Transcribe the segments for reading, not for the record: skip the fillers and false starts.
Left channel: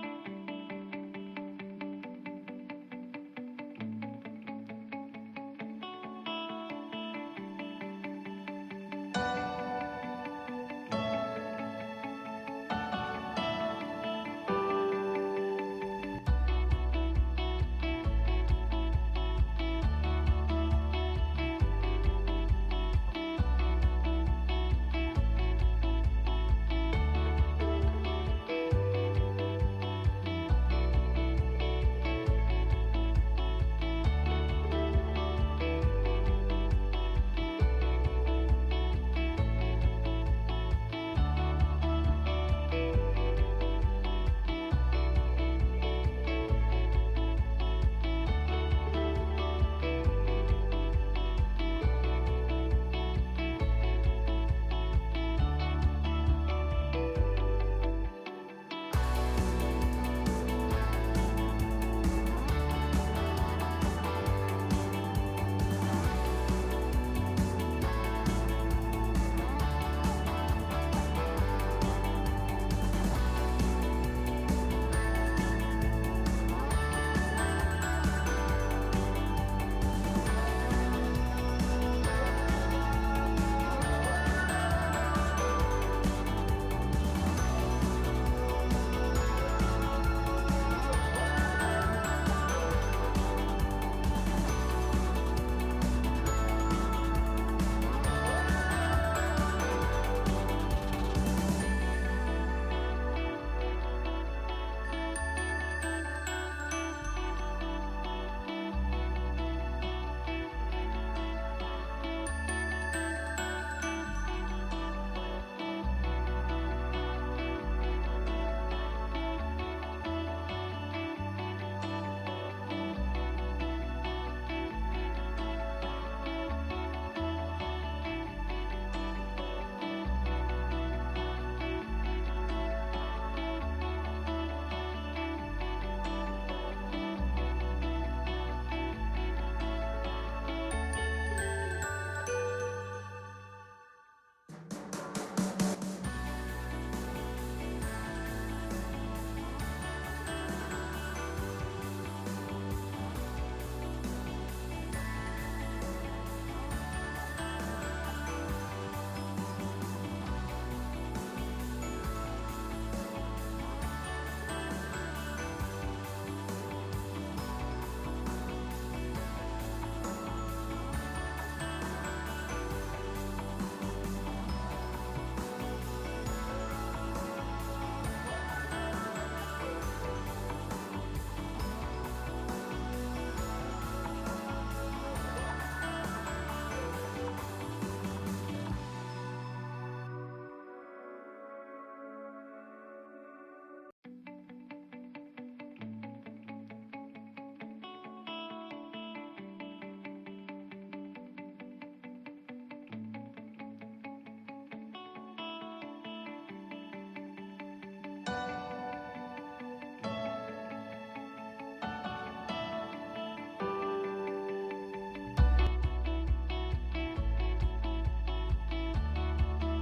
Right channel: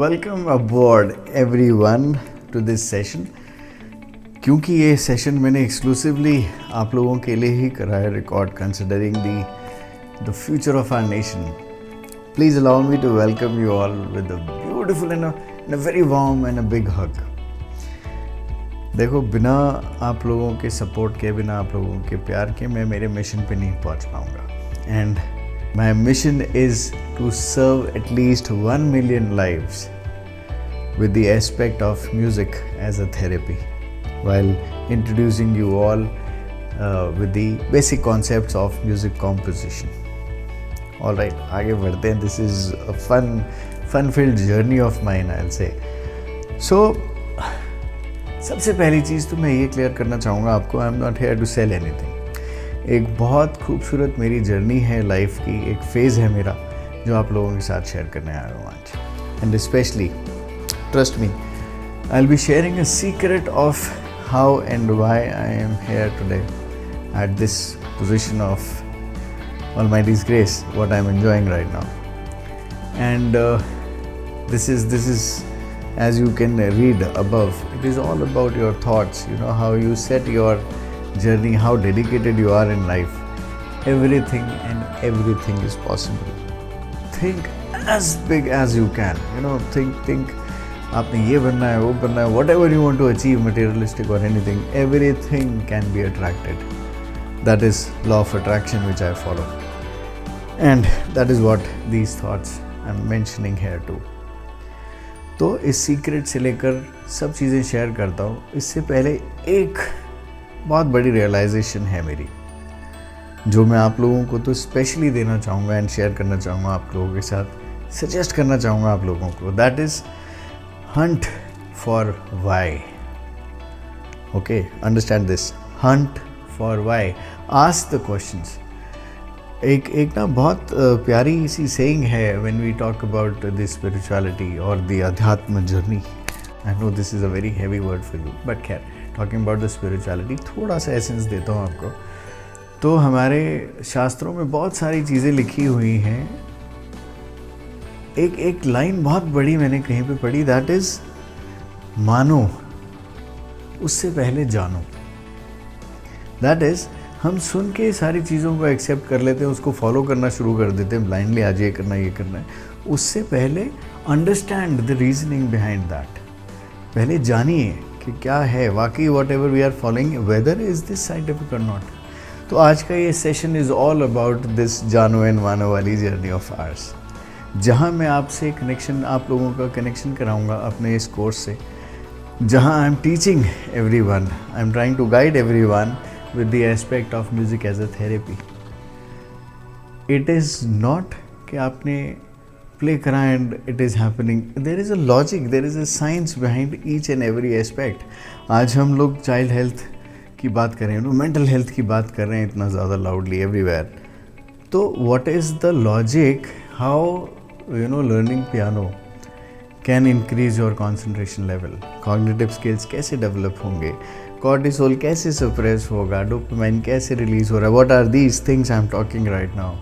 Welcome aboard everyone to this session. क्योंकि ये session मैंने एक्सक्लूसिवली आप लोगों के लिए ही करा है record, considering the future of our nation. Please allow me to welcome you all with a beautiful and a very warm and a big hug. देखो, बिना आप लोगों के सपोर्ट के, बिना आप लोगों के प्यार के मैं मेरे मिशन पे नहीं पहुंच पाऊंगा। And my mission is to serve at least 1 million lives with the aspect of music as a therapy, while introducing you all with the basic concepts of music composition. All right, आगे बढ़ते हैं. This is a fun-filled journey of mine, I'll say. So, सबसे पहली चीज़ तो मैं ये clear करना चाहूँगा आपको, I am not here to sell anything. एक बहुत खूबसूरत मेरी जर्नी है लाइफ की, एक फेज़ है मेरा जो आप लोगों के साथ शेयर करने आया हूँ आज. And specially trust me, I will be sharing a secret of how and why I am here today at this position of Almighty's grace, what I am enjoying right now. And this is as you can read above, it is all about your thoughts, you know, how you set your journey, how dedicated you are in life. Everything and everything is possible. Think as big as you can, you know, think आपने ये बनना है, वो बनना है, whatever you want to achieve, materialistic or anything, everything can be attracted. That is law of attraction which I follow, and that is what these thoughts I'm mentioning here too. तो इस secret से लेकर सब चीज़ें share करता हूँ. इससे पहले एक बहुत बड़ी रियलाइजेशन है मेरी, जो मैं आप लोगों को तो स्पेशली देना चाहूँगा एंड शेयर करना चाहूँगा आप लोगों के साथ, सजेस्ट करना चाहूँगा आप लोगों को. That is hunt for why. Okay, understand this, hunt for why, ask the questions. एक ना बहुत प्यारी सी सेइंग है when we talk about the spirituality और द अध्यात्म journey. I know this is a very heavy word for you, but खैर, talking about the spirituality थोड़ा सा एसेंस देता हूँ आपको. तो हमारे शास्त्रों में बहुत सारी चीज़ें लिखी हुई हैं. एक लाइन बहुत बड़ी मैंने कहीं पे पढ़ी, दैट इज़ मानो उससे पहले जानो. दैट इज़, हम सुन के सारी चीज़ों को एक्सेप्ट कर लेते हैं, उसको फॉलो करना शुरू कर देते हैं ब्लाइंडली, आज ये करना ये करना है. उससे पहले understand the reasoning behind that. पहले जानिए कि क्या है वाकई whatever we are following, whether is this scientific और नॉट. तो आज का ये session is all about this जानो एंड मानो वाली जर्नी ऑफ आवर्स, जहाँ मैं आपसे कनेक्शन, आप लोगों का कनेक्शन कराऊंगा अपने इस कोर्स से, जहाँ I am teaching everyone, I am trying to guide everyone with the aspect of music as a therapy. It is not कि आपने play करा and it is happening. There is a logic, there is a science behind each and every aspect. आज हम लोग child health की बात कर रहे हैं, mental health की बात कर रहे हैं इतना ज़्यादा loudly everywhere. तो what is the logic how, you know, learning piano can increase your concentration level, cognitive skills कैसे develop होंगे, कॉर्टिसोल कैसे सप्रेस होगा, डोपामाइन कैसे रिलीज हो रहा है, what are these things I am talking right now.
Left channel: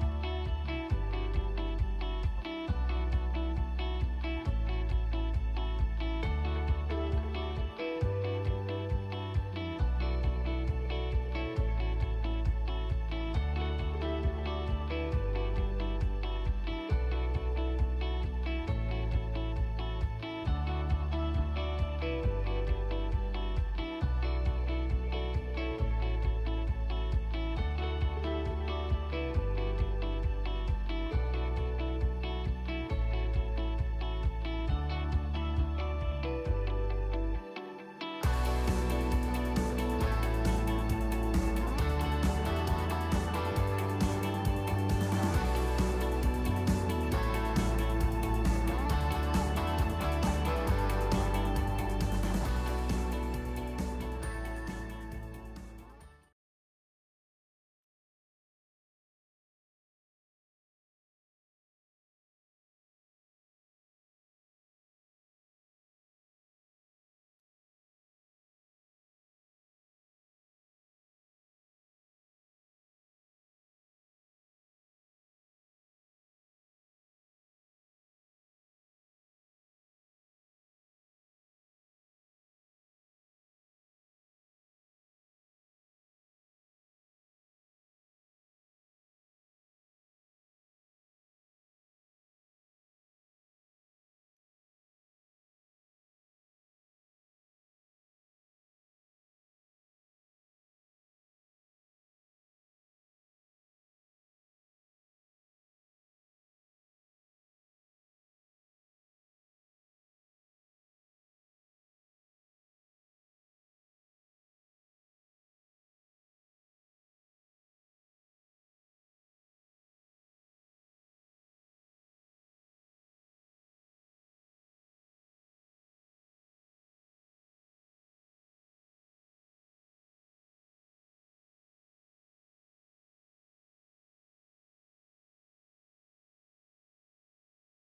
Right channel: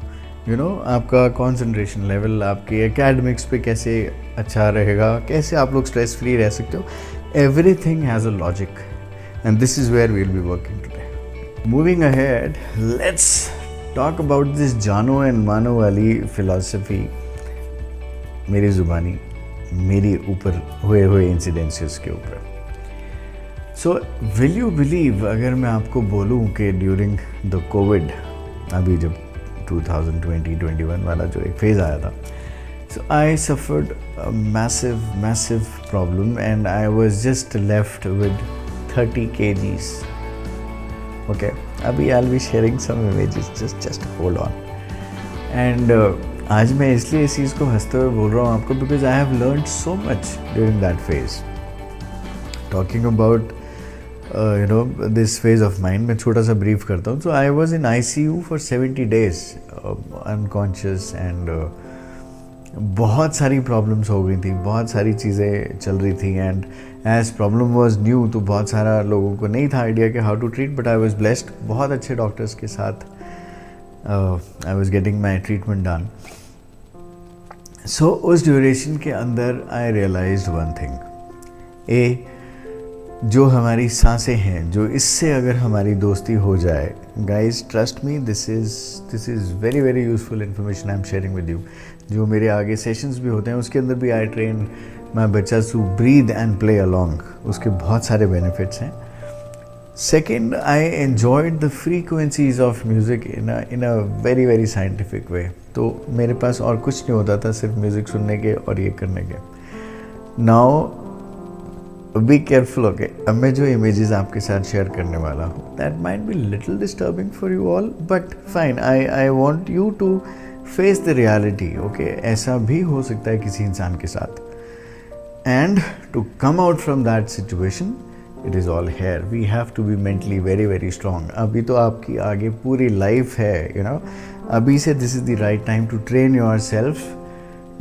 You know, आपका concentration level, आपके एकेडमिक्स पे कैसे अच्छा रहेगा, कैसे आप लोग स्ट्रेस फ्री रह सकते हो. Everything has a logic and this is where we will be working today. Moving ahead, let's talk about this जानो एंड मानो वाली फिलॉसफी. मेरी ज़ुबानी, मेरी ऊपर हुए इंसिडेंसेस के ऊपर. सो विल यू बिलीव, अगर मैं आपको बोलूँ कि ड्यूरिंग द कोविड, अभी जब 2020-21 वाला जो एक फेज़ आया था, so I suffered massive problem and I was just left with 30 kgs. Okay, अभी I will be sharing some images, just hold on. And आज मैं इसलिए इस चीज़ को हंसते हुए बोल रहा हूँ आपको, because I have learned so much during that phase. Talking about you know this phase of mind, मैं छोटा सा ब्रीफ करता हूँ. So I was in ICU for 70 days unconscious and बहुत सारी प्रॉब्लम्स हो गई थी, बहुत सारी चीज़ें चल रही थी. And as problem was new, तो बहुत सारा लोगों को नहीं था आइडिया कि how to treat, but I was blessed. बहुत अच्छे डॉक्टर्स के साथ I was getting my treatment done. So उस ड्यूरेशन के अंदर आई रियलाइज्ड वन थिंग, जो हमारी सांसें हैं, जो इससे अगर हमारी दोस्ती हो जाए, guys trust me, this is very very useful information I am sharing with you. जो मेरे आगे सेशंस भी होते हैं उसके अंदर भी आई ट्रेन माई बच्चास to breathe and play along, उसके बहुत सारे बेनिफिट्स हैं। Second, I enjoyed the frequencies of music in a very very scientific way. तो मेरे पास और कुछ नहीं होता था सिर्फ म्यूज़िक सुनने के और ये करने के। Now be careful, okay. अब मैं जो इमेजेस आपके साथ शेयर करने वाला हूँ, that might be little disturbing for you all, but fine, I want you to face the reality, okay. ऐसा भी हो सकता है किसी इंसान के साथ, and to come out from that situation, it is all here. We have to be mentally very very strong. अभी तो आपकी आगे पूरी लाइफ है, यू नो। अभी से this is the right time to train yourself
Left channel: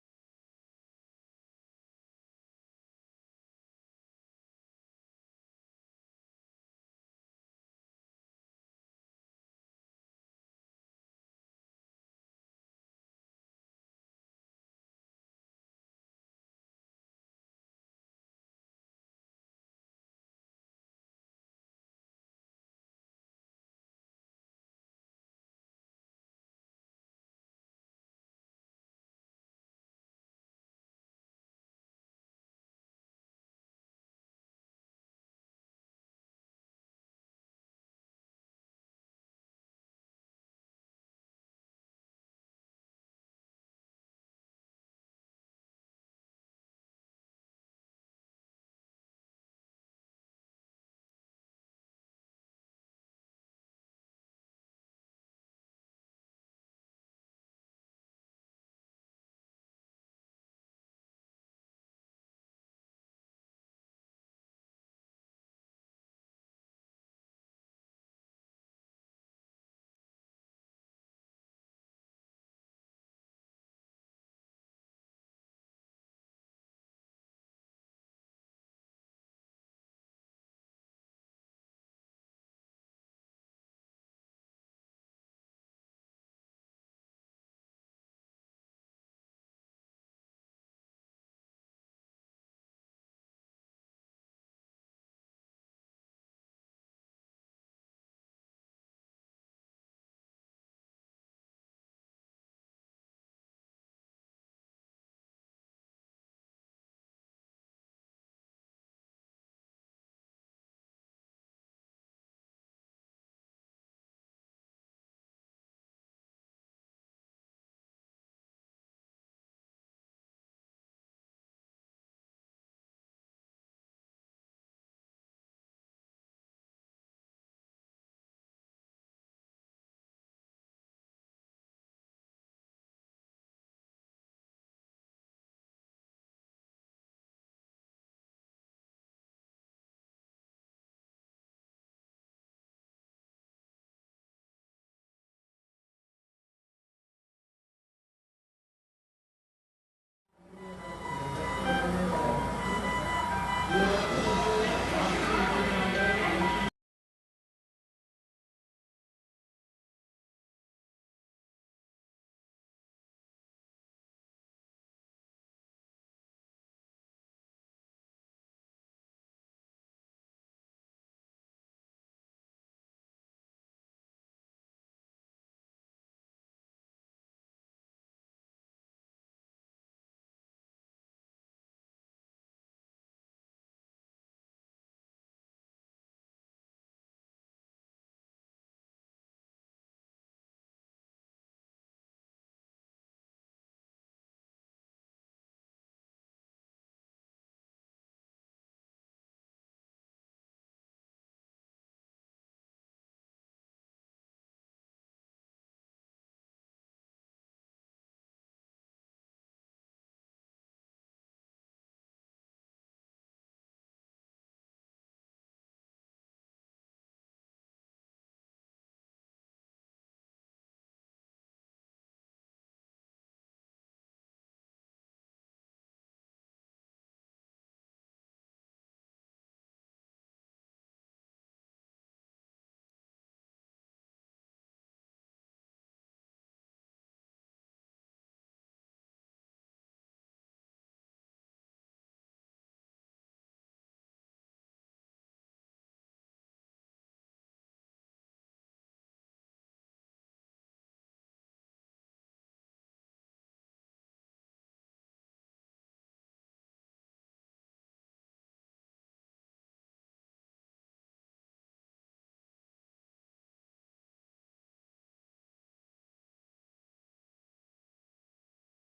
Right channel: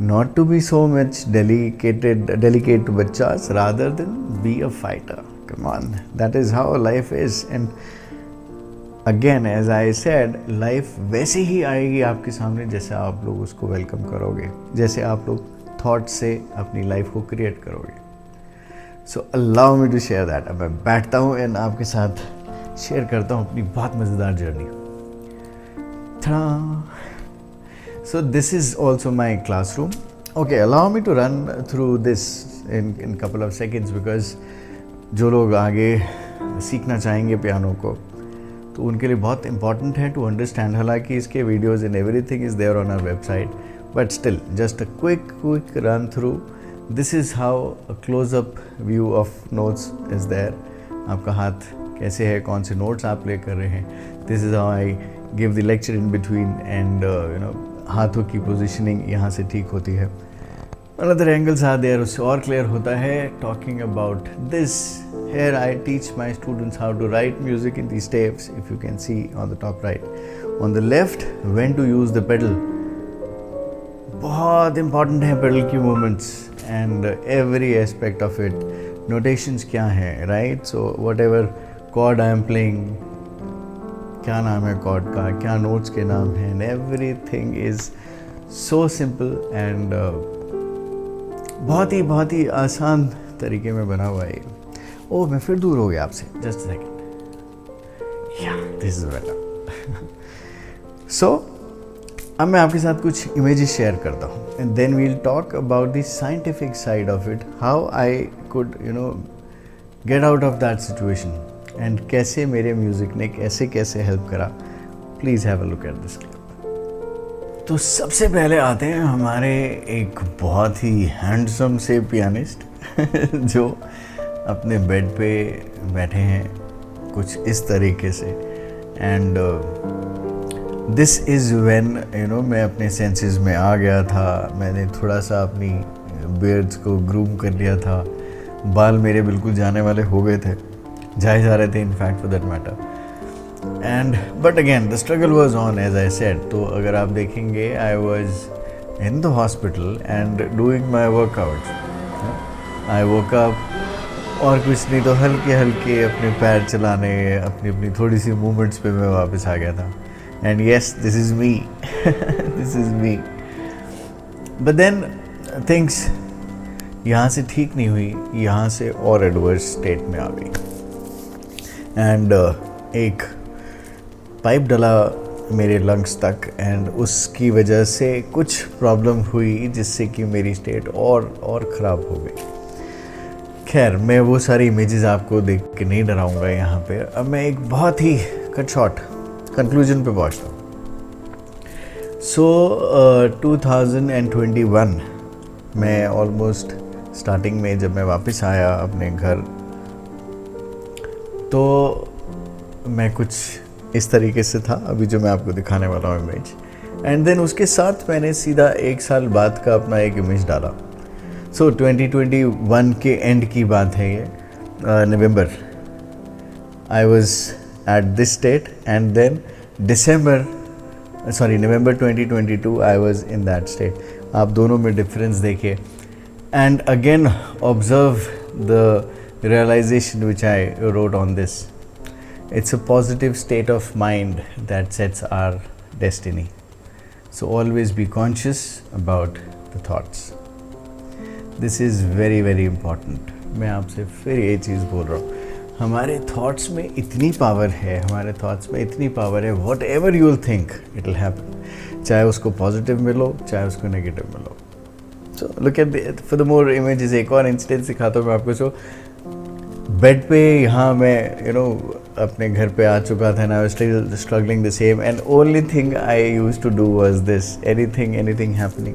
not to be so much delicate to bachas, rather than be a fighter. Come on, that is how life is. And again, as I said, life वैसे ही आएगी आपके सामने जैसे आप लोग उसको welcome करोगे, जैसे आप लोग थॉट से अपनी लाइफ को क्रिएट करोगे। So allow me to share that. अब मैं बैठता हूँ एंड आपके साथ शेयर करता हूँ अपनी बहुत मज़ेदार journey. So this is also my classroom. Okay, allow me to run through this in couple of seconds, because जो लोग आगे सीखना चाहेंगे पियानो को, तो उनके लिए बहुत important है to understand। हालांकि इसके videos and everything is there on our website, but still just a quick run through. This is how a close-up view of notes is there. आपका हाथ कैसे है, कौन से notes आप प्ले कर रहे हैं। This is how I give the lecture in between, and you know, हाथों की पोजिशनिंग यहाँ से ठीक होती है। अनदर एंगल्स आर देयर, उससे और क्लियर होता है। Talking about this, here I teach my students how to write music in the steps, if you can see on the top right. On the left, when to use the pedal, बहुत important है pedal की movements and every aspect of it. Notations क्या हैं, right. So whatever chord I am playing, क्या नाम है cord का, क्या नोट्स के नाम हैं, and everything is so simple and बहुत ही आसान तरीके में बना हुआ है। ओह, मैं फिर दूर हो गया आपसे, जस्ट सेकेंड। या दिस इज बेटर। सो अब मैं आपके साथ कुछ इमेजेस शेयर करता हूँ, and then we'll talk about the scientific side of it, how I could get out of that situation, and कैसे मेरे म्यूज़िक ने कैसे हेल्प करा। Please have a look at this clip. तो सबसे पहले आते हैं हमारे एक बहुत ही हैंडसम से पियानिस्ट जो अपने बेड पे बैठे हैं कुछ इस तरीके से, एंड दिस इज़ व्हेन मैं अपने सेंसेस में आ गया था। मैंने थोड़ा सा अपनी बियर्ड्स को ग्रूम कर लिया था, बाल मेरे बिल्कुल जाने वाले हो गए थे, जाए जा रहे थे in fact for that matter. And but again the struggle was on, as I said. तो अगर आप देखेंगे, I was in the hospital and doing my workout. I woke up और कुछ नहीं तो हल्के अपने पैर चलाने, अपनी थोड़ी सी मूवमेंट्स पे मैं वापस आ गया था। And yes, this is me, this is me. But then things यहाँ से ठीक नहीं हुई, यहाँ से और एडवर्स स्टेट में आ गई। एंड एक पाइप डला मेरे लंग्स तक, एंड उसकी वजह से कुछ प्रॉब्लम हुई जिससे कि मेरी स्टेट और ख़राब हो गई। खैर, मैं वो सारी इमेजेस आपको देख के नहीं डराऊंगा यहाँ पे। अब मैं एक बहुत ही कट शॉर्ट कंक्लूजन पे पहुँचता हूँ। सो 2021 में ऑलमोस्ट स्टार्टिंग में जब मैं वापस आया अपने घर, तो मैं कुछ इस तरीके से था अभी जो मैं आपको दिखाने वाला हूँ इमेज, एंड देन उसके साथ मैंने सीधा 1 साल बाद का अपना एक इमेज डाला। सो 2021 के एंड की बात है ये, नवंबर। I was at this state, and then November 2022 I was in that state. आप दोनों में डिफरेंस देखिए, and again observe the realization which I wrote on this. It's a positive state of mind that sets our destiny. So always be conscious about the the thoughts. This is very very important. मैं आपसे फिर ये चीज़ बोल रहा हूँ, हमारे thoughts में इतनी पावर है, हमारे थॉट्स में इतनी पावर है. What ever you will think it will happen, चाहे उसको पॉजिटिव मिलो चाहे उसको नेगेटिव मिलो. So look at for the more images. एक और इंसिडेंट सिखाता हूँ मैं आपको. सो बेड पे यहाँ मैं अपने घर पे आ चुका था, ना still struggling the same, and only thing I use to do was this. Anything happening,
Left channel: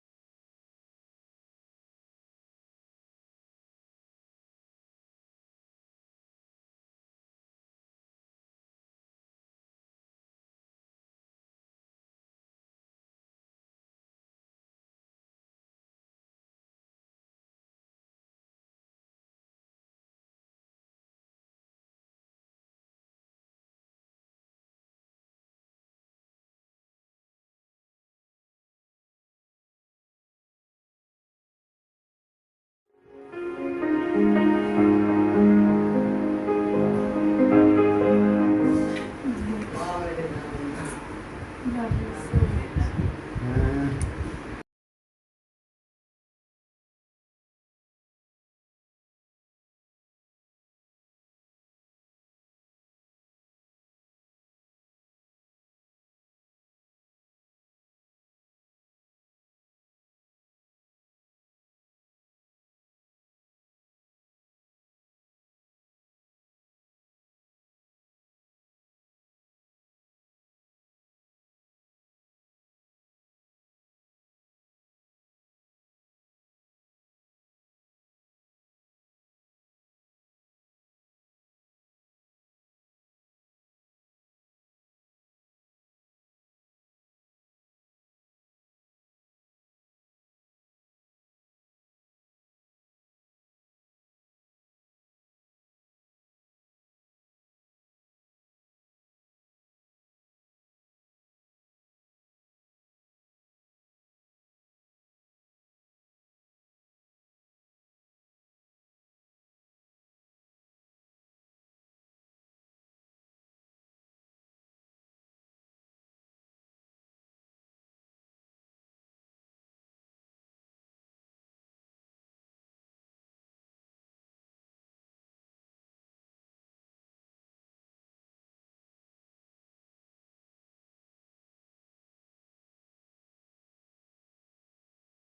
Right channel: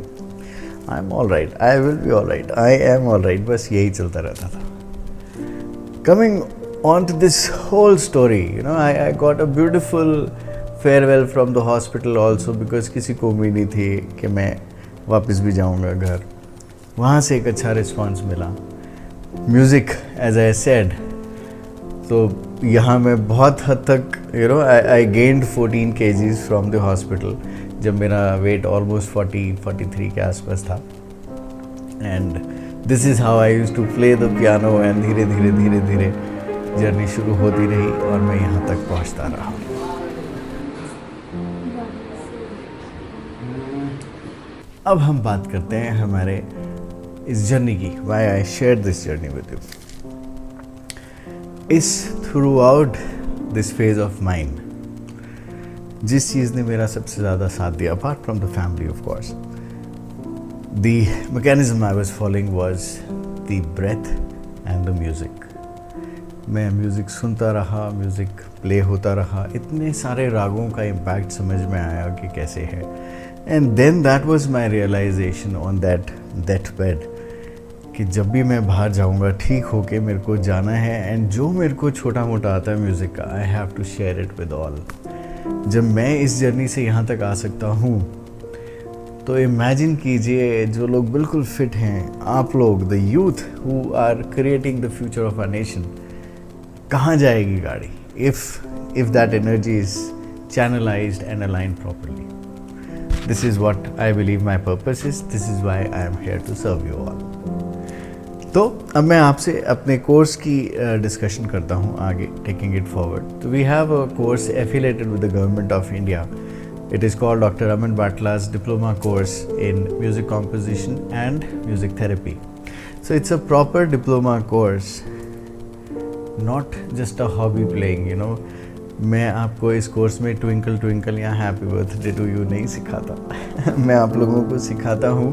I am all right, I will be all right, I am all right. बस यही चलता रहता था. Coming on to this whole story, I got a beautiful farewell from the hospital also, because किसी को उम्मीद नहीं थी कि मैं वापस भी जाऊँगा घर. वहाँ से एक अच्छा रिस्पॉन्स मिला. म्यूज़िक, एज आई सेड, तो यहाँ मैं बहुत हद तक I gained 14 kgs from the hospital, जब मेरा वेट ऑलमोस्ट 43 के आसपास था. And this is how I use to play the piano, and धीरे धीरे जर्नी शुरू होती रही और मैं यहाँ तक पहुँचता रहा. अब हम बात करते हैं हमारे इस जर्नी की. Why I share this journey with you is throughout this phase of mind, जिस चीज़ ने मेरा सबसे ज़्यादा साथ दिया, apart from the family of course, the mechanism I was following was the breath and the music. मैं music सुनता रहा, म्यूज़िक प्ले होता रहा, इतने सारे रागों का इम्पैक्ट समझ में आया कि कैसे है. And then that was my realisation on that bed कि जब भी मैं बाहर जाऊंगा ठीक होके मेरे को जाना है, एंड जो मेरे को छोटा मोटा आता है म्यूज़िक का, I have to share it with all. जब मैं इस जर्नी से यहाँ तक आ सकता हूँ, तो इमेजिन कीजिए जो लोग बिल्कुल फिट हैं, आप लोग, the youth who are creating the future of our nation, कहाँ जाएगी गाड़ी if that energy is channelized and aligned properly. This is what I believe my purpose is. This is why I am here to serve you all. तो अब मैं आपसे अपने course की discussion करता हूँ आगे, टेकिंग इट फॉरवर्ड. तो we have a course affiliated with the government of India. It is called Dr. Aman Batla's diploma course in music composition and music therapy. So it's a proper diploma course, not just a hobby playing, मैं आपको इस course में twinkle twinkle या happy birthday to you नहीं सिखाता. मैं आप लोगों को सिखाता हूँ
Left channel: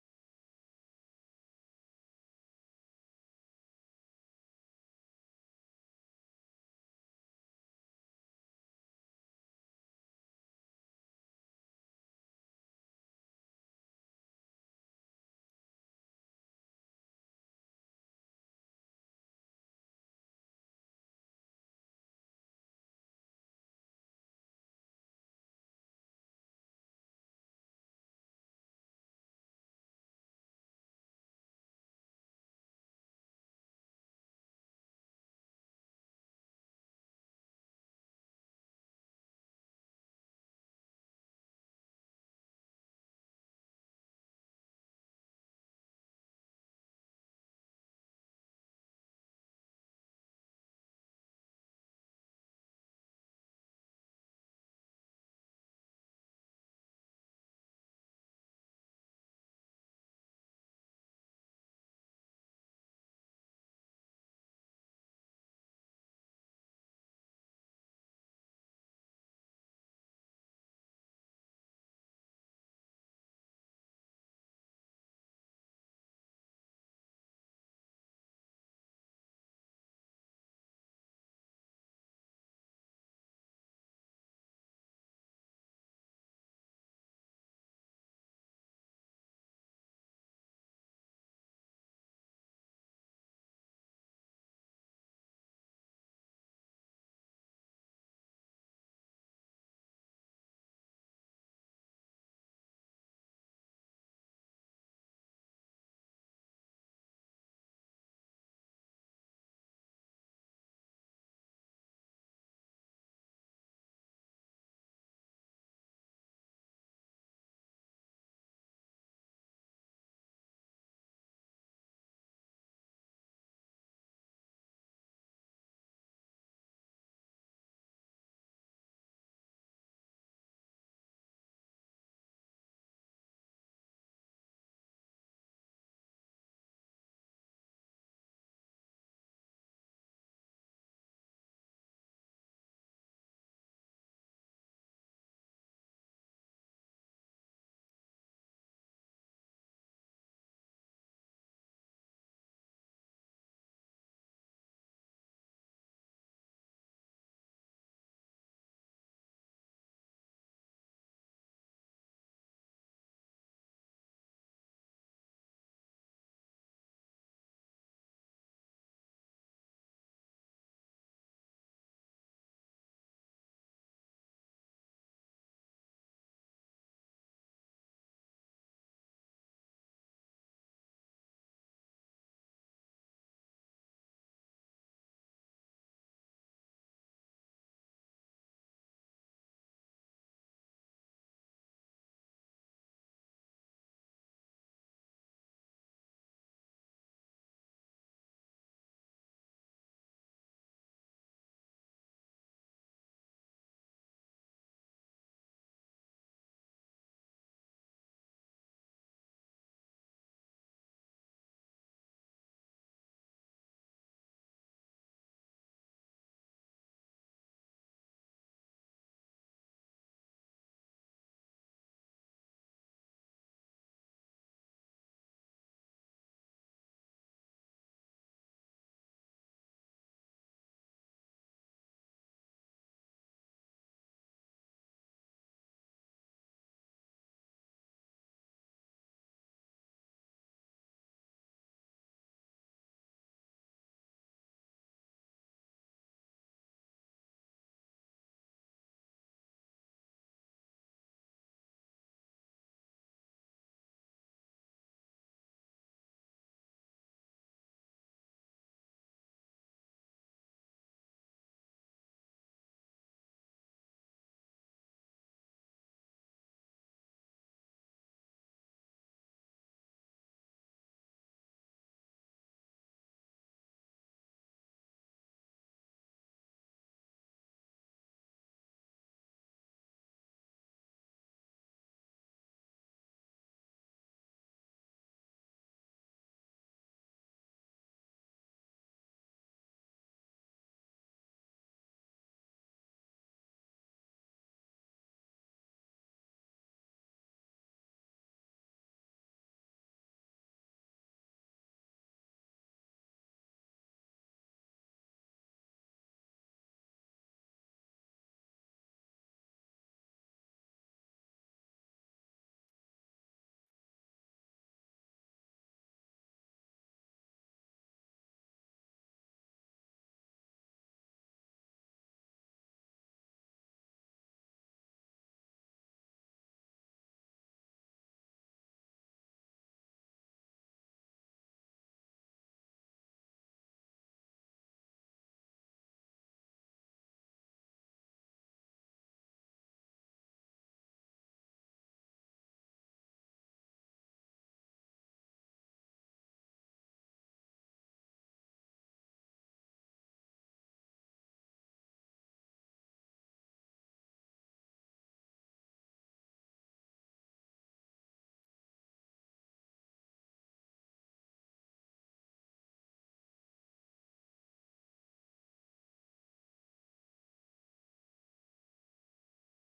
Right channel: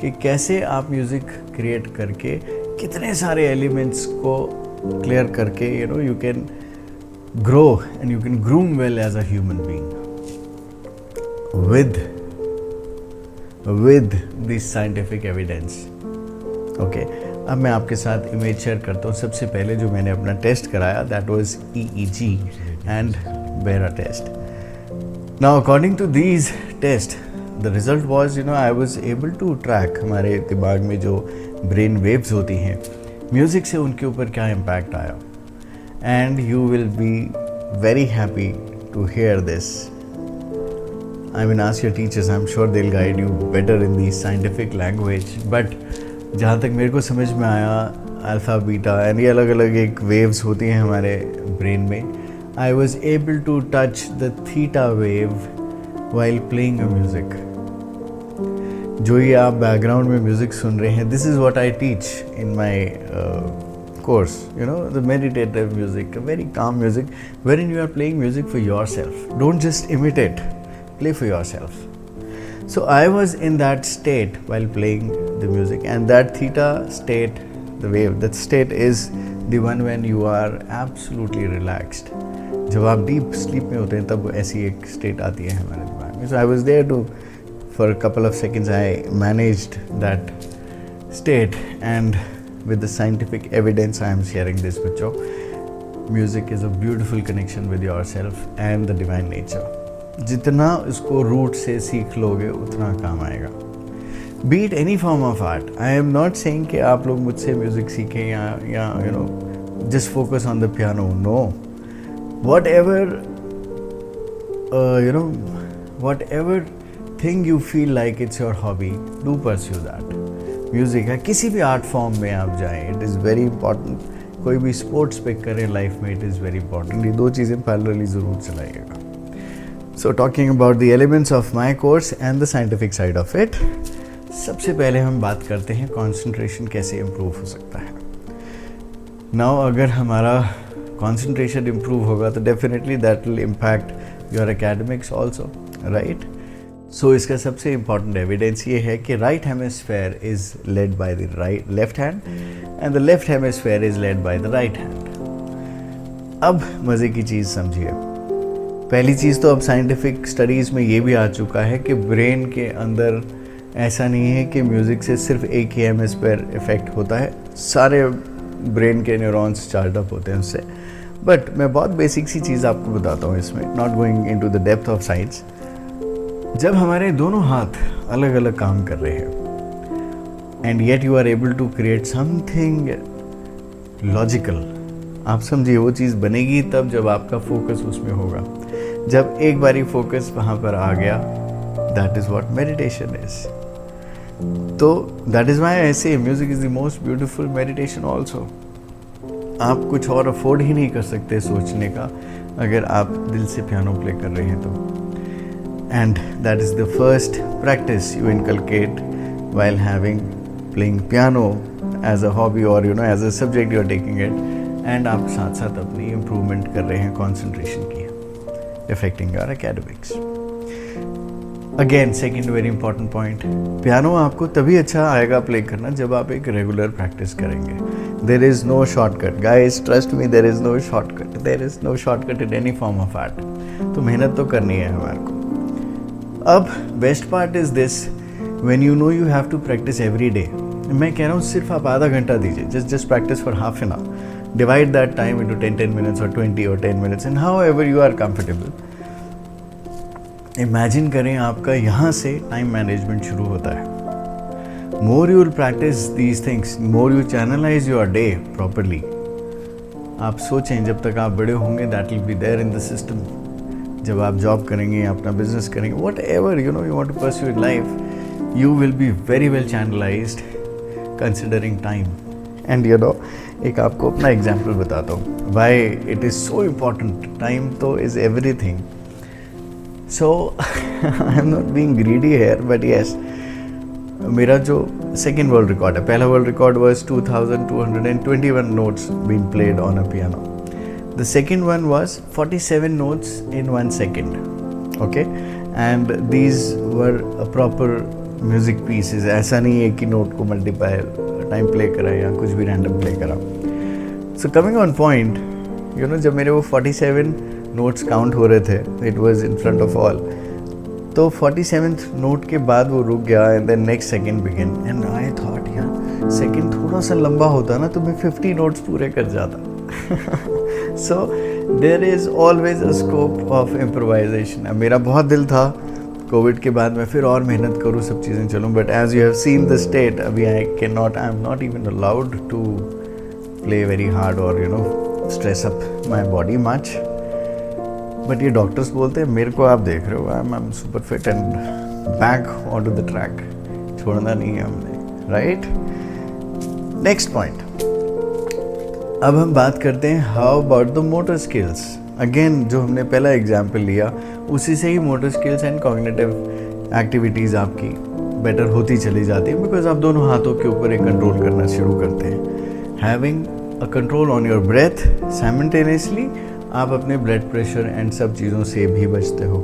कि कैसे आप म्यूज़िक क्रिएट करके कितने सारे एलिमेंट्स को क्लियर करके you can grow and you can groom well as a human being with this scientific evidence. Okay, अब मैं आपके साथ इमेज शेयर करता हूँ. सबसे पहले जो मैंने अपना टेस्ट कराया, that was EEG and Bera test. Now according to these tests, the result was I was able to track हमारे दिमाग में जो ब्रेन वेव्स होती हैं, म्यूज़िक से उनके ऊपर क्या इम्पैक्ट आया. And you will be very happy to hear this. I mean, ask your teachers, I'm sure they'll guide you better in the scientific language. But जहाँ तक मेरे को समझ में आया, अल्फ़ा बीटा एंड ये अलग अलग एक वेव्स होती हैं हमारे ब्रेन में. I was able to touch the theta wave while playing a music. जो ये आप बैकग्राउंड में म्यूज़िक सुन रहे हैं, this is what I teach in my course, the meditative music, very calm music, wherein you are playing music for yourself. Don't just imitate. Play for yourself. So I was in that state while playing the music, and that theta state, the wave, that state is the one when you are absolutely relaxed. जब आप deep sleep में होते हैं तब ऐसी एक state आती है हमारे दिमाग में. So I was there to, for a couple of seconds I managed that state, and with the scientific evidence I am sharing this with you. Music is a beautiful connection with yourself and the divine nature. जितना इसको root से सीख लोगे उतना काम आएगा. Beat any form of art. I am not saying कि आप लोग मुझसे म्यूज़िक सीखें या just focus on the piano. No, whatever thing you feel like it's your hobby, do pursue that. Music है, किसी भी आर्ट फॉर्म में आप जाएं, इट इज़ वेरी इंपॉर्टेंट. कोई भी स्पोर्ट्स पिक करें लाइफ में, इट इज़ वेरी इंपॉर्टेंट. ये दो चीज़ें पैरेलली ज़रूर चलाइएगा. So talking about the elements of my course and the scientific side of it. सबसे पहले हम बात करते हैं कंसंट्रेशन कैसे इम्प्रूव हो सकता है। नाउ अगर हमारा कंसंट्रेशन इम्प्रूव होगा तो definitely that will impact your academics also, right. So इसका सबसे इम्पॉर्टेंट एविडेंस ये है कि right hemisphere is led by the left hand and the left hemisphere is led by the right hand. अब मज़े की चीज़ समझिए। पहली चीज़ तो अब साइंटिफिक स्टडीज़ में ये भी आ चुका है कि ब्रेन के अंदर ऐसा नहीं है कि म्यूज़िक से सिर्फ एक ही हेमिस्फेयर इफ़ेक्ट होता है, सारे ब्रेन के न्यूरॉन्स चार्ज अप होते हैं उससे। बट मैं बहुत बेसिक सी चीज़ आपको बताता हूँ इसमें, not going into the depth of science. जब हमारे दोनों हाथ अलग अलग काम कर रहे हैं and yet you are able to create something logical, आप समझिए वो चीज़ बनेगी तब जब आपका फोकस उसमें होगा। जब एक बारी फोकस वहाँ पर आ गया, that is what meditation is. तो दैट इज़ वाई आई से music is the most beautiful meditation also. आप कुछ और अफोर्ड ही नहीं कर सकते सोचने का अगर आप दिल से पियानो प्ले कर रहे हैं तो। And that is the first practice you inculcate while having playing piano as a hobby और you know as a subject you are taking it. And आप साथ साथ अपनी इम्प्रूवमेंट कर रहे हैं कॉन्सेंट्रेशन की, affecting your academics. Again second very important point, piano आपको तभी अच्छा आएगा प्ले करना जब आप एक रेगुलर प्रैक्टिस करेंगे। There is no shortcut guys, trust me, there is no shortcut, there is no shortcut in any form of art. तो मेहनत तो करनी है हमारे को। अब best part is this, when you know you have to practise every day. मैं कह रहा हूँ सिर्फ आप आधा घंटा दीजिए, just practise for half an hour, divide that time into 10 minutes और 20 और 10 minutes and however you are comfortable. Imagine करें आपका यहाँ से टाइम मैनेजमेंट शुरू होता है। More you will practise these things, more you channelise your day properly. आप सोचें जब तक आप बड़े होंगे that will be there in the system. जब आप जॉब करेंगे, अपना बिजनेस करेंगे, whatever you know you want to pursue in life, you will be very well channelized considering time. And you know, एक आपको अपना एग्जाम्पल बताता हूँ why it is so important. Time तो is everything. So I am not being greedy here, but yes, मेरा जो second world record है, पहला world record was 2221 notes being played on a piano. The second one was 47 notes in 1 second. Okay, and these were a proper music pieces. ऐसा नहीं है कि note को multiply time play करा या कुछ भी रैंडम प्ले करा। So coming on point, you know, जब मेरे वो 47 नोट्स काउंट हो रहे थे, it was in front of all, तो 47th नोट के बाद वो रुक गया and then next second begin and I thought यार सेकंड थोड़ा सा लंबा होता ना तो मैं 50 नोट्स पूरे कर जाता। So there is always a scope of improvisation. अब मेरा बहुत दिल था कोविड के बाद मैं फिर और मेहनत करूँ, सब चीज़ें चलूँ, but as you have seen the state, अभी I am not even allowed to play very hard और you know stress up my body much. But ये डॉक्टर्स बोलते हैं, मेरे को आप देख रहे हो, I am super fit and back on to the track, छोड़ना नहीं है हमने, राइट। नेक्स्ट पॉइंट, अब हम बात करते हैं how about the motor skills. Again जो हमने पहला एग्जाम्पल लिया उसी से ही motor skills and cognitive activities आपकी बेटर होती चली जाती है, बिकॉज आप दोनों हाथों के ऊपर एक कंट्रोल करना शुरू करते हैं। Having a control on your breath, simultaneously आप अपने ब्लड प्रेशर एंड सब चीज़ों से भी बचते हो।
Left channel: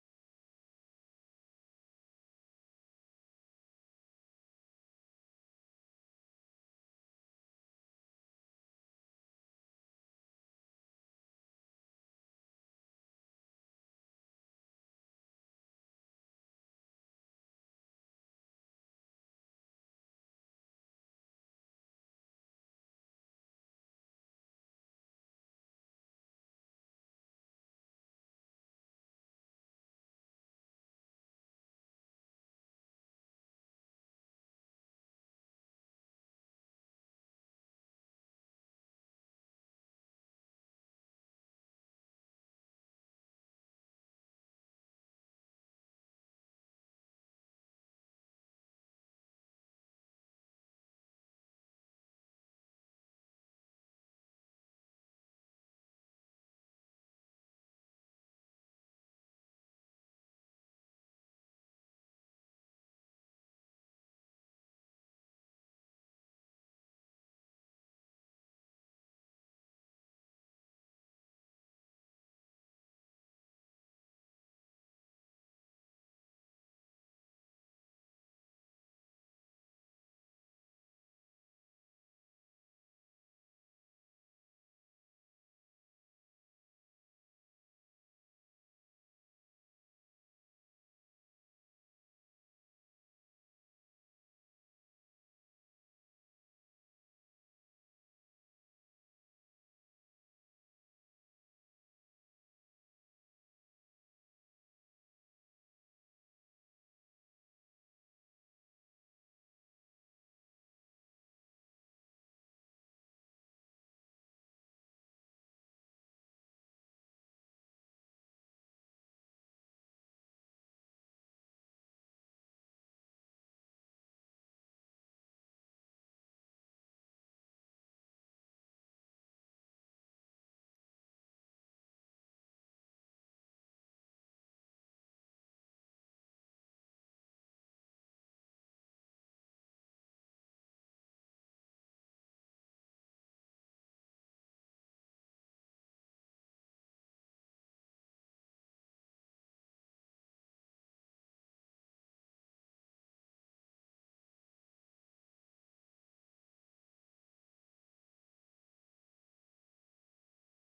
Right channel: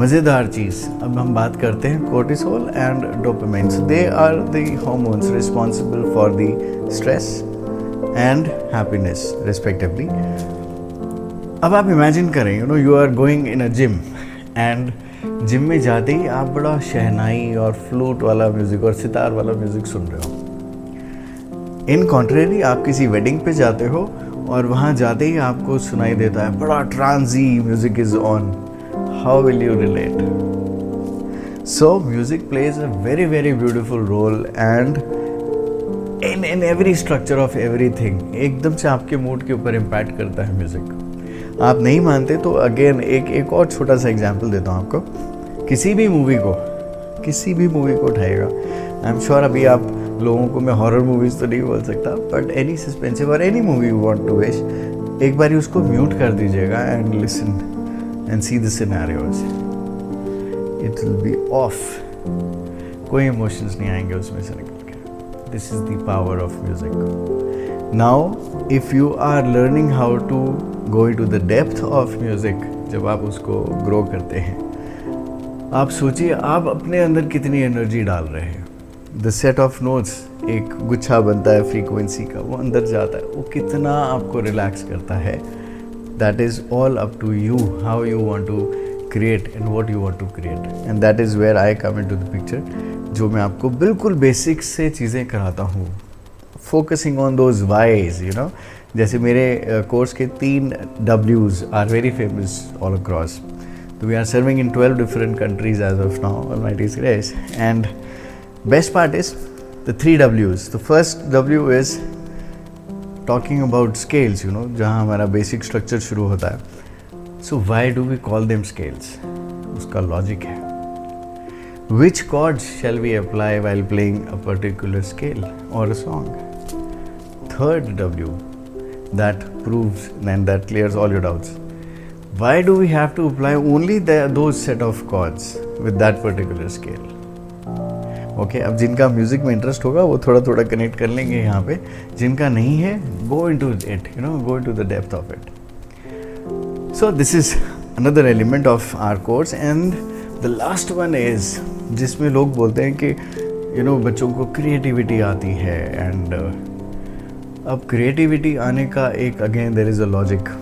मज़ेदार चीज़, अब हम बात करते हैं cortisol and dopamine. They are the hormones responsible for the stress and happiness respectively. अब आप इमेजिन करें, you know, you are going in a gym and gym में जाते ही आप बड़ा शहनाई और फ्लूट वाला म्यूज़िक और सितार वाला म्यूज़िक सुन रहे हो। इन कॉन्ट्रेरी आप किसी वेडिंग पे जाते हो और वहाँ जाते ही आपको सुनाई देता है बड़ा trancy music is on. How will you relate? So music plays a very very beautiful role and in every structure of everything. एकदम से आपके मूड के ऊपर इम्पैक्ट करता है म्यूज़िक। आप नहीं मानते तो अगेन एक और छोटा सा एग्जांपल देता हूँ आपको। किसी भी मूवी को उठाएगा, आई एम श्योर अभी आप लोगों को मैं हॉरर मूवीज़ तो नहीं बोल सकता, बट एनी सस्पेंसिव और any movie you want to watch, एक बार उसको म्यूट कर दीजिएगा and listen and see the scenarios, it will be off. कोई इमोशंस नहीं आएंगे उसमें से निकल के। This is the power of music. Now if you are learning how to go into the depth of music, जब आप उसको ग्रो करते हैं, आप सोचिए आप अपने अंदर कितनी एनर्जी डाल रहे हैं। द सेट ऑफ नोट्स, एक गुच्छा बनता है फ्रीक्वेंसी का, वो अंदर जाता है, वो कितना आपको रिलैक्स करता है। That is all up to you, how you want to create and what you want to create, and that is where I come into the picture, जो मैं आपको बिल्कुल बेसिक्स से चीज़ें कराता हूँ, focusing on those whys, you know. जैसे मेरे कोर्स के 3 W's are very famous all across. We are serving in 12 different countries as of now, Almighty's grace. And best part is the 3 W's. The first W is talking about scales, you know, जहाँ हमारा basic structure शुरू होता है. So why do we call them scales? उसका logic है. Which chords shall we apply while playing a particular scale or a song? Third W, that proves and that clears all your doubts. Why do we have to apply only those set of chords with that particular scale? Okay, अब जिनका music में interest होगा वो थोड़ा थोड़ा connect कर लेंगे यहाँ पे, जिनका नहीं है go into it, you know, go into the depth of it. So this is another element of our course, and the last one is जिसमें लोग बोलते हैं कि you know बच्चों को क्रिएटिविटी आती है, and अब क्रिएटिविटी आने का एक again there is a logic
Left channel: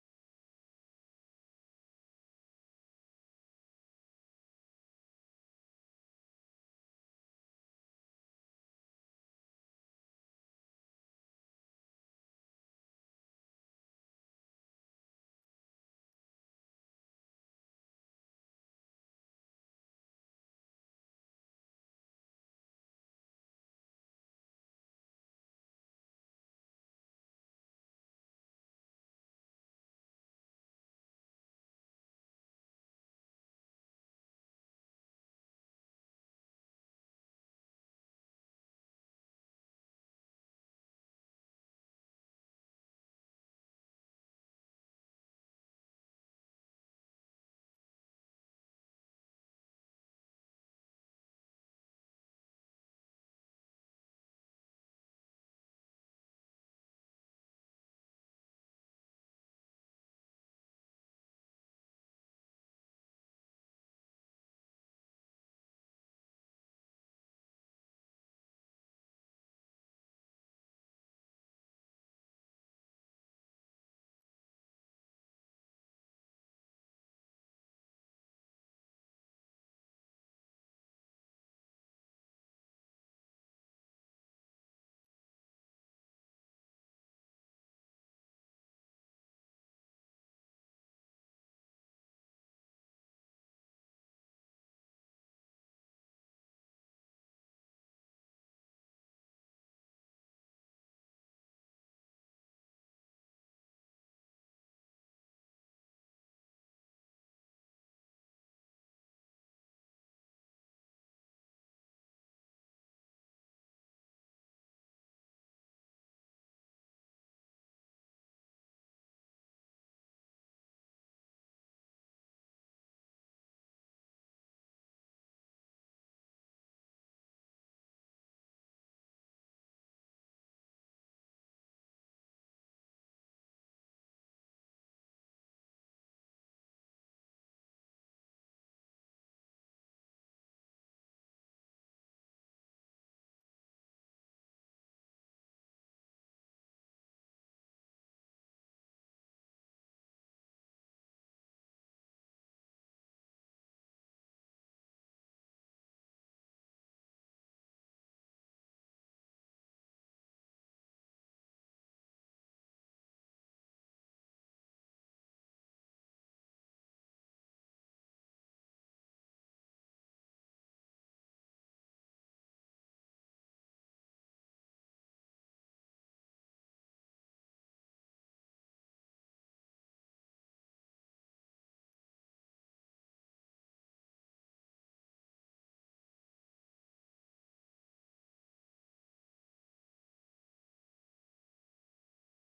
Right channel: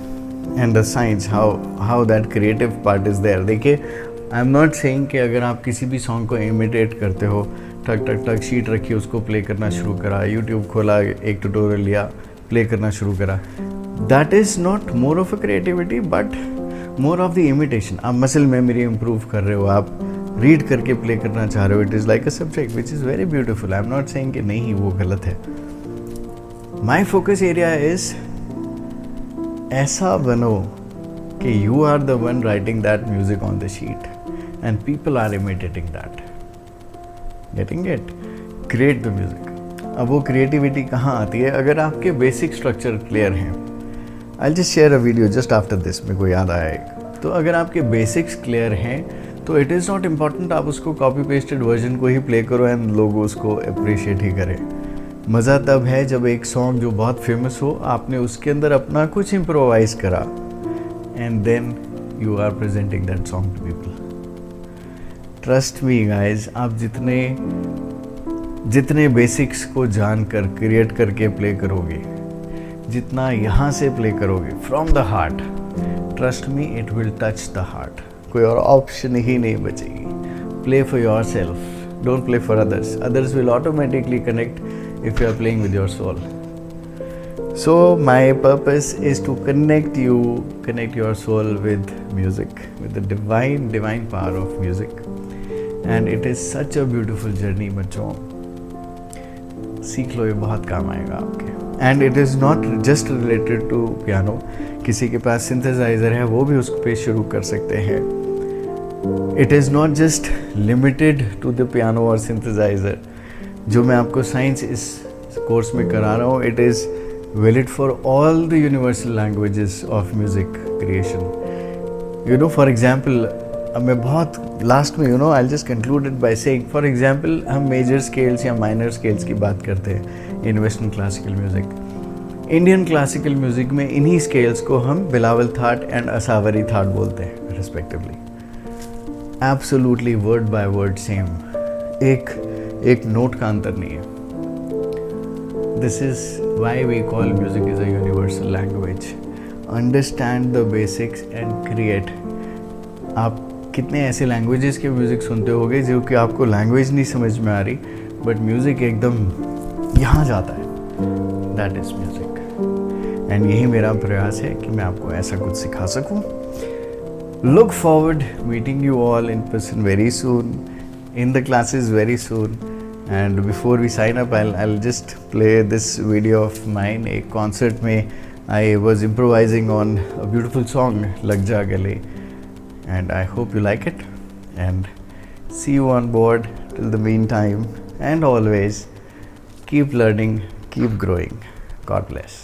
and the science how that creative part is there. देखिए, आई एम नॉट सेइंग कि अगर आप किसी भी सॉन्ग को इमिटेट करते हो, टक टक टक शीट रखी, उसको प्ले करना शुरू करा, यूट्यूब खोला, एक ट्यूटोरियल लिया, प्ले करना शुरू करा, that is not more of a creativity but more of the imitation. आप मसल मेमोरी इम्प्रूव कर रहे हो, आप रीड करके प्ले करना चाह रहे हो. It is like a subject which is very beautiful. I am not saying कि नहीं वो गलत है. माई फोकस एरिया इज़ ऐसा बनो कि you are the one writing that music on the sheet and people are imitating that. Getting it? Create the music. अब वो क्रिएटिविटी कहाँ आती है? अगर आपके बेसिक स्ट्रक्चर क्लियर हैं. I just share a video just after this, मेरे को याद आया एक. तो अगर आपके बेसिक्स क्लियर हैं तो इट इज़ नॉट इम्पॉर्टेंट आप उसको कॉपी पेस्टेड वर्जन को ही प्ले करो एंड लोग उसको अप्रिशिएट ही करें. मज़ा तब है जब एक सॉन्ग जो बहुत फेमस हो, आपने उसके अंदर अपना कुछ इम्प्रोवाइज़ करा and then you are presenting that song to people. Trust me guys, आप जितने बेसिक्स को जानकर क्रिएट करके प्ले करोगे, जितना यहाँ से प्ले करोगे from the heart, trust me it will touch the heart. कोई और ऑप्शन ही नहीं बचेगी. Play for your self, don't play for others. Others will automatically connect if you are playing with your soul. So my purpose is to connect your soul with music, with the divine power of music, and it is such a beautiful journey. बच्चों सीख लो, ये बहुत काम आएगा आपके. And it is not just related to piano. किसी के पास synthesizer है वो भी उस पे शुरू कर सकते हैं. It is not just limited to the piano or synthesizer. जो मैं आपको साइंस इस कोर्स में करा रहा हूँ, it is valid for all the universal languages of music creation. You know, for example, अब मैं बहुत लास्ट में, you know, I just concluded by saying, for example हम मेजर स्केल्स या माइनर स्केल्स की बात करते हैं in western classical music. Indian classical music में इन्हीं स्केल्स को हम बिलावल थाट एंड असावरी थाट बोलते हैं respectively. Absolutely word by word same, एक नोट का अंतर नहीं है. This is why we call music is a universal language. Understand the basics and create. आप कितने ऐसे लैंग्वेजेस के म्यूज़िक सुनते होगे जो कि आपको लैंग्वेज नहीं समझ में आ रही, बट म्यूज़िक एकदम यहाँ जाता है. That is music. एंड यही मेरा प्रयास है कि मैं आपको ऐसा कुछ सिखा सकूँ. Look forward meeting you all in person very soon, in the classes very soon. And before we sign up, I'll just play this video of mine. A concert mein I was improvising on a beautiful song, Lag Ja Gale, and I hope you like it, and see you on board. Till the meantime, and always keep learning, keep growing. God bless.